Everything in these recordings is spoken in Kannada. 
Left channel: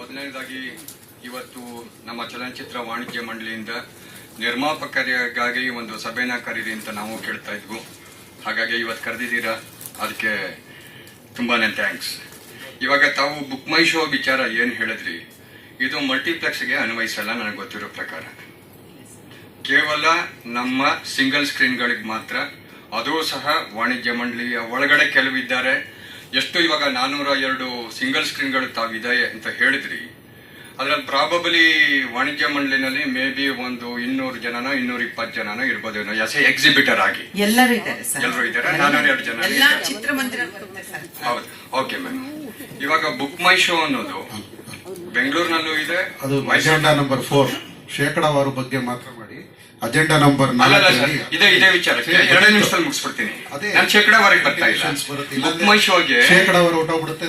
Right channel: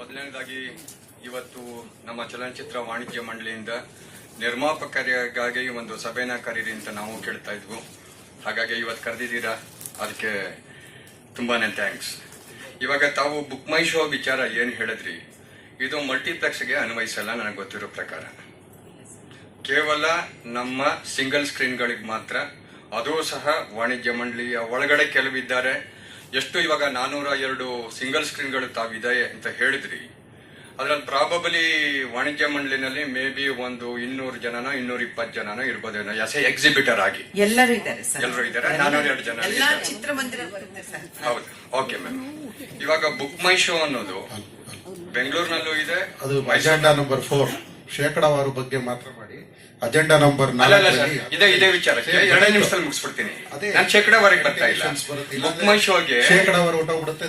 ಮೊದಲನೇದಾಗಿ ಇವತ್ತು ನಮ್ಮ ಚಲನಚಿತ್ರ ವಾಣಿಜ್ಯ ಮಂಡಳಿಯಿಂದ ನಿರ್ಮಾಪಕರಿಗಾಗಿ ಒಂದು ಸಭೆನ ಕರೀರಿ ಅಂತ ನಾವು ಕೇಳ್ತಾ ಇದ್ವು. ಹಾಗಾಗಿ ಇವತ್ತು ಕರೆದಿದ್ದೀರಾ, ಅದಕ್ಕೆ ತುಂಬಾನೇ ಥ್ಯಾಂಕ್ಸ್. ಇವಾಗ ತಾವು ಬುಕ್ ಮೈ ಶೋ ವಿಚಾರ ಏನು ಹೇಳಿದ್ರಿ, ಇದು ಮಲ್ಟಿಪ್ಲೆಕ್ಸ್ಗೆ ಅನ್ವಯಿಸಲ್ಲ. ನನಗೆ ಗೊತ್ತಿರೋ ಪ್ರಕಾರ ಕೇವಲ ನಮ್ಮ ಸಿಂಗಲ್ ಸ್ಕ್ರೀನ್ಗಳಿಗೆ ಮಾತ್ರ. ಅದು ಸಹ ವಾಣಿಜ್ಯ ಮಂಡಳಿಯ ಒಳಗಡೆ ಕೆಲವಿದ್ದಾರೆ. ಎಷ್ಟು ಇವಾಗ 402 ಸಿಂಗಲ್ ಸ್ಕ್ರೀನ್ಗಳು ತಾವಿದೆ ಅಂತ ಹೇಳಿದ್ರಿ. ಅದ್ರಲ್ಲಿ ಪ್ರಾಬಬಲಿ ವಾಣಿಜ್ಯ ಮಂಡಳಿನಲ್ಲಿ ಮೇ ಬಿ ಒಂದು 200 ಜನನ 220 ಜನನೋ ಇರ್ಬೋದೇನೋ ಎಕ್ಸಿಬಿಟರ್ ಆಗಿ. ಎಲ್ಲರೂ ಇದ್ದಾರೆ, ಎಲ್ಲರೂ ಇದ್ದಾರೆ. 402 ಜನ ಚಿತ್ರಮಂದಿರ. ಹೌದು, ಓಕೆ ಮ್ಯಾಮ್. ಇವಾಗ ಬುಕ್ ಮೈ ಶೋ ಅನ್ನೋದು ಬೆಂಗಳೂರಿನಲ್ಲೂ ಇದೆ. ಅದು ಅಜೆಂಡಾ ನಂಬರ್ 4 ಶೇಕಡಾವಾರು ಬಗ್ಗೆ ಮಾತ್ರ ಮಾಡಿ. ಅಜೆಂಡಾ ನಂಬರ್ 4 ಇದೇ ವಿಚಾರಕ್ಕೆ 2 ನಿಮಿಷದಲ್ಲಿ ಮುಗಿಸ್ಬಿಡ್ತೀನಿ. ನಾನು ಶೇಕಡಾವಾರಿಗೆ ಬರ್ತಾ ಇಲ್ಲ. ಬುಕ್ ಮೈ ಶೋಗೆ ಶೇಕಡಾವಾರು ಹೊಟ್ಟೋಗ್ಬಿಡುತ್ತೆ.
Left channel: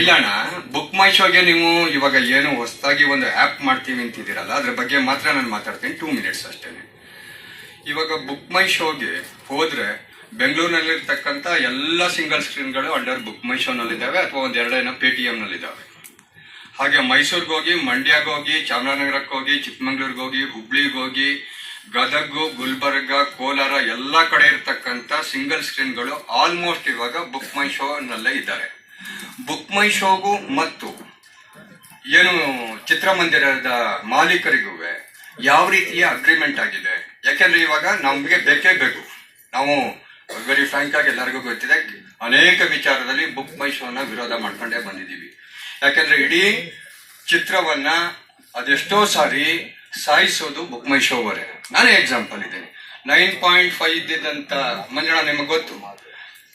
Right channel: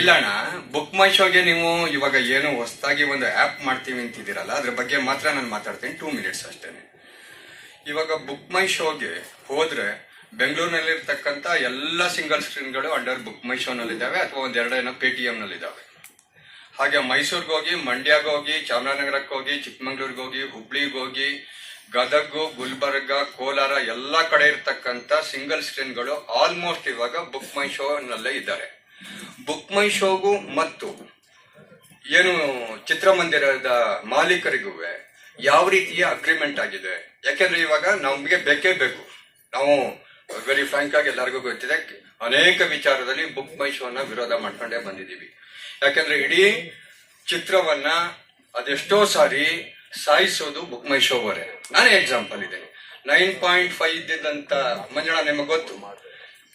ಇಲ್ಲ ಅಣ್ಣ, ಬುಕ್ ಮೈ ಶೋಗೆ ನೀವು ಇವಾಗ ಏನು ಹೊಸದಾಗಿ ಒಂದು ಆಪ್ ಮಾಡ್ತೀವಿ ಅಂತಿದ್ದೀರಲ್ಲ, ಅದ್ರ ಬಗ್ಗೆ ಮಾತ್ರ ನಾನು ಮಾತಾಡ್ತೀನಿ. 2 ಮಿನಿಟ್ಸ್ ಅಷ್ಟೇನೆ. ಇವಾಗ ಬುಕ್ ಮೈ ಶೋಗೆ ಹೋದ್ರೆ ಬೆಂಗಳೂರಿನಲ್ಲಿರ್ತಕ್ಕಂಥ ಎಲ್ಲ ಸಿಂಗಲ್ ಸ್ಕ್ರೀನ್ಗಳು ಅಂಡರ್ ಬುಕ್ ಮೈ ಶೋ ನಲ್ಲಿದ್ದಾವೆ, ಅಥವಾ ಒಂದ್ 2 ಪೇಟಿಎಂ ನಲ್ಲಿದ್ದಾವೆ. ಹಾಗೆ ಮೈಸೂರಿಗೆ ಹೋಗಿ, ಮಂಡ್ಯಗೆ ಹೋಗಿ, ಚಾಮರಾಜನಗರಕ್ಕೆ ಹೋಗಿ, ಚಿಕ್ಕಮಂಗ್ಳೂರ್ಗೆ ಹೋಗಿ, ಹುಬ್ಳಿಗೆ ಹೋಗಿ, ಗದಗು, ಗುಲ್ಬರ್ಗ, ಕೋಲಾರ ಎಲ್ಲ ಕಡೆ ಇರ್ತಕ್ಕಂಥ ಸಿಂಗಲ್ ಸ್ಕ್ರೀನ್ಗಳು ಆಲ್ಮೋಸ್ಟ್ ಇವಾಗ ಬುಕ್ ಮೈ ಶೋ ನಲ್ಲೇ ಇದ್ದಾರೆ. ಬುಕ್ ಮೈ ಶೋಗೂ ಮತ್ತು ಏನು ಚಿತ್ರಮಂದಿರದ ಮಾಲೀಕರಿಗೂ ಯಾವ ರೀತಿಯ ಅಗ್ರಿಮೆಂಟ್ ಆಗಿದೆ? ಯಾಕೆಂದ್ರೆ ಇವಾಗ ನಮ್ಗೆ ಬೇಕೇ ಬೇಕು. ನಾವು ವೆರಿ ಫ್ರಾಂಕ್ ಆಗಿ ಎಲ್ಲರಿಗೂ ಗೊತ್ತಿದೆ, ಅನೇಕ ವಿಚಾರದಲ್ಲಿ ಬುಕ್ ಮೈ ಶೋನ ವಿರೋಧ ಮಾಡ್ಕೊಂಡೇ ಬಂದಿದ್ದೀವಿ. ಯಾಕೆಂದ್ರೆ ಇಡೀ ಚಿತ್ರವನ್ನ ಅದೆಷ್ಟೋ ಸಾರಿ ಸಾಯಿಸೋದು ಬುಕ್ ಮೈ ಶೋ ಅವರೇ. ನಾನೇ ಎಕ್ಸಾಂಪಲ್ ಇದ್ದೇನೆ. 9.5 ಇದ್ದಿದ್ದಂತ ಮಂಜುಳಾ ನಿಮಗೆ ಗೊತ್ತು,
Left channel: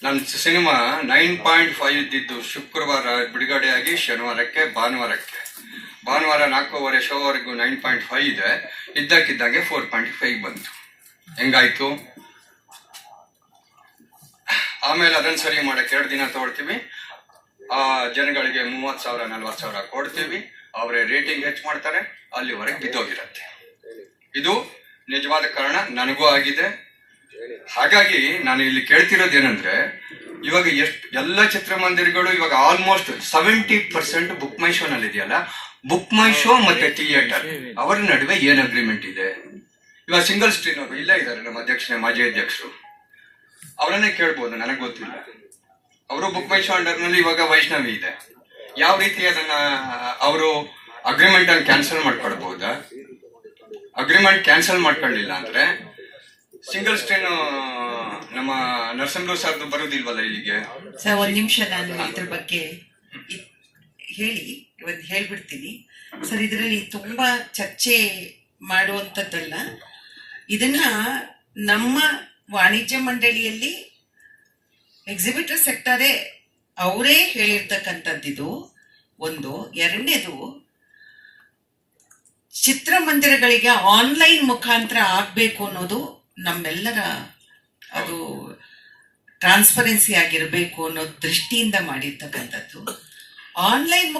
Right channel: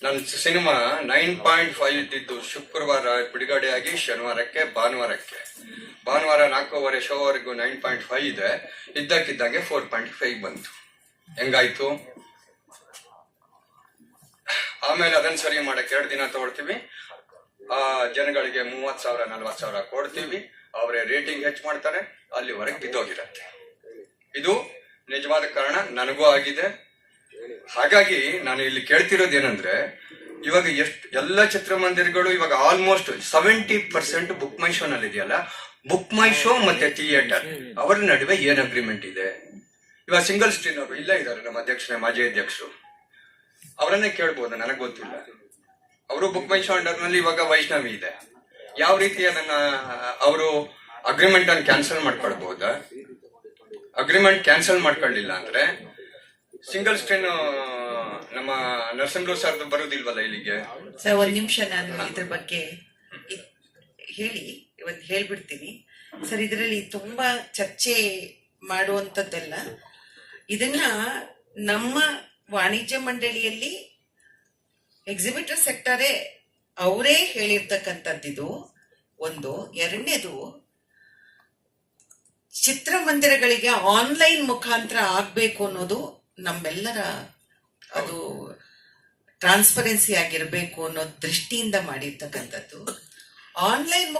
ನನ್ನ ಸಿನಿಮಾ 9.5 ಇದ್ದಿದ್ದು ಶುಕ್ರವಾರ ಬಿಡುಗಡೆಯಾಗಿ ಶನಿವಾರಕ್ಕೆ ಭಾನುವಾರ 4:15 ಶೋವರೆಗೂ 9.5 ಇದೆ. ಇದ್ದಕ್ಕಿದ್ದಂಗೆ 4.5 ಬಂತು. ಹೆಂಗಾಯ್ತು? ಆಮೇಲೆ ಅದನ್ನ ಸರಿ ಮಾಡಕ್ಕೆ 2 ದಿನ ತಗೊಳ್ತೀವಿ. ಆ ಜನಗಳಿಗೆ 30,000 40,000 ಕೊಡ್ತೀವಿ. ಅವರೇ ರೇಟಿಂಗ್ ಹೆಚ್ಚು ಮಾಡ್ತಾರೆ, ಅಲ್ಲಿವರೆಗೆ ಬಿದ್ದೋಗಿರತ್ತೆ. ಇದು ನಿಜವಾದ ಕಾರಣ, ನನಗೂ ಆಗಿದೆ. ಹಾಗಾಗಿ ನಾನು ಇಲ್ಲಿ ಕೇಳ್ತಿರೋದೇನಂದ್ರೆ, ಇವಾಗ ಎಲ್ಲ ಚಿತ್ರಮಂದಿರಗಳು ಇವಾಗ ಆಲ್ಮೋಸ್ಟ್ 70% ಬುಕ್ ಮೈ ಶೋ ನಲ್ಲಿ ಇದೆಯಲ್ಲ. ಬುಕ್ ಮೈ ಶೋ ಮತ್ತೆ ಥಿಯೇಟರ್ ಅವರ ನಡುವೆ ಏನ್ ಅಗ್ರಿಮೆಂಟ್ ಇದೆ? ಇವಾಗ ಸಿಂಗಲ್ ಸ್ಕ್ರೀನ್ ಅವರು ಇಲ್ಲೇ ಇದ್ದಾರೆ, ನಮ್ಮ ಮಾಜಿ ಅಧ್ಯಕ್ಷರು, ಅವರನ್ನೇ ಕೇಳ್ಬೋದು. ನನಗೆ ಗೊತ್ತಿಲ್ಲ. ಅವರು ಬುಕ್ ಮೈ ಶೋ ಅಂಡರ್ ನಲ್ಲಿ ಇವಾಗ ವೈಷ್ಣವಿ ಇದೆ. ಯಾವ ರೀತಿ ಅದನ್ನ ಅವರು ಅಗ್ರಿಮೆಂಟ್ ಅನ್ನು ಕ್ಯಾನ್ಸಲ್ ಮಾಡ್ಕೊಳ್ಬಹುದಾ? ಅಗ್ರಿಮೆಂಟ್ ಕ್ಯಾನ್ಸಲ್ ಮಾಡ್ಕೊಳ್ಳಿಲ್ಲ ಅಂದ್ರೆ ಸಿಂಗಲ್ ಸ್ಕ್ರೀನ್ ನಮ್ಮ ನರಸಿಂಹ ಸರ್ದು ಬರೋದಿಲ್ವಲ್ಲ ಇಲ್ಲಿಗೆ. ಸರ್, 1 ನಿಮಿಷ ನಾನು ಇದ್ರ ಬಗ್ಗೆ ಹೇಳ್ಬಿಡ್ತೀನಿ ಸರ್. ಇದರಲ್ಲಿ ತುಂಬಾ ಚರ್ಚೆ ಮಾಡುವಂಥದ್ದಲ್ಲ. ಇದನ್ನ ನಮ್ಮ ವಾಣಿಜ್ಯ ಮಂಡಳಿಯಲ್ಲಿ ಎಕ್ಸಿಬಿಟರ್ ಸೆಕ್ಟರೇ ಅವರೇ ಹೇಳಿರ್ತಕ್ಕಂಥದ್ದಿದು ಒಂದು. ಎರಡನೇದು, ಚಿತ್ರಮಂದಿರಗಳಿಗೆ ಆನ್ಲೈನ್ ಮುಖಾಂತರ ಆಗ್ಬೇಕು ಅನ್ನೋದು ನಮ್ಮೆಲ್ಲರ ಅದು ಟ್ರಾನ್ಸ್ಪರೆನ್ಸಿ ಆಗಿರಬೇಕು ಅನ್ನೋ ದೃಷ್ಟಿಯಿಂದ ಮಾಡಿರ್ತಕ್ಕಂಥದ್ದು. ಆನ್ಲೈನ್